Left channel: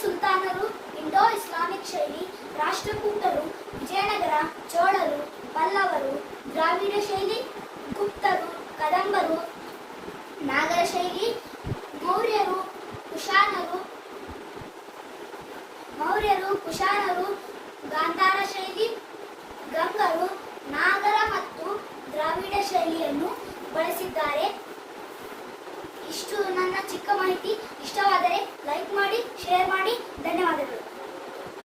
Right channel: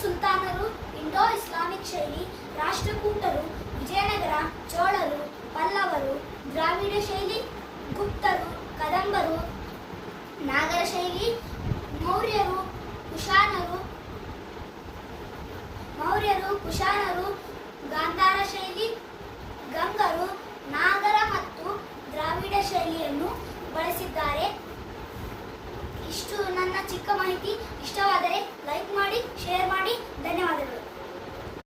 ಸುಲ್ತಾನರು, Indo Islamic ಶೈಲಿ, ರಾಷ್ಟ್ರಕೂಟರು, ವಿಜಯನಗರ, ಚೋಳರು, ಪಲ್ಲವರು, ದ್ರಾವಿಡ ಶೈಲಿ, ಗುಪ್ತರು, ಕದಂಬರು, ನಾಗರ ಶೈಲಿ, ಮೌರ್ಯರು, ಕುಶಾನರು, ಗಾಂಧಾರ ಶೈಲಿ, ಗಂಗರು, ನಾಗರ ಮತ್ತು ದ್ರಾವಿಡ ಶೈಲಿಯನ್ನು ಬಳಸಿದ್ದಾರೆ. ಇಷ್ಟು ನನ್ನ ಚಿಕ್ಕ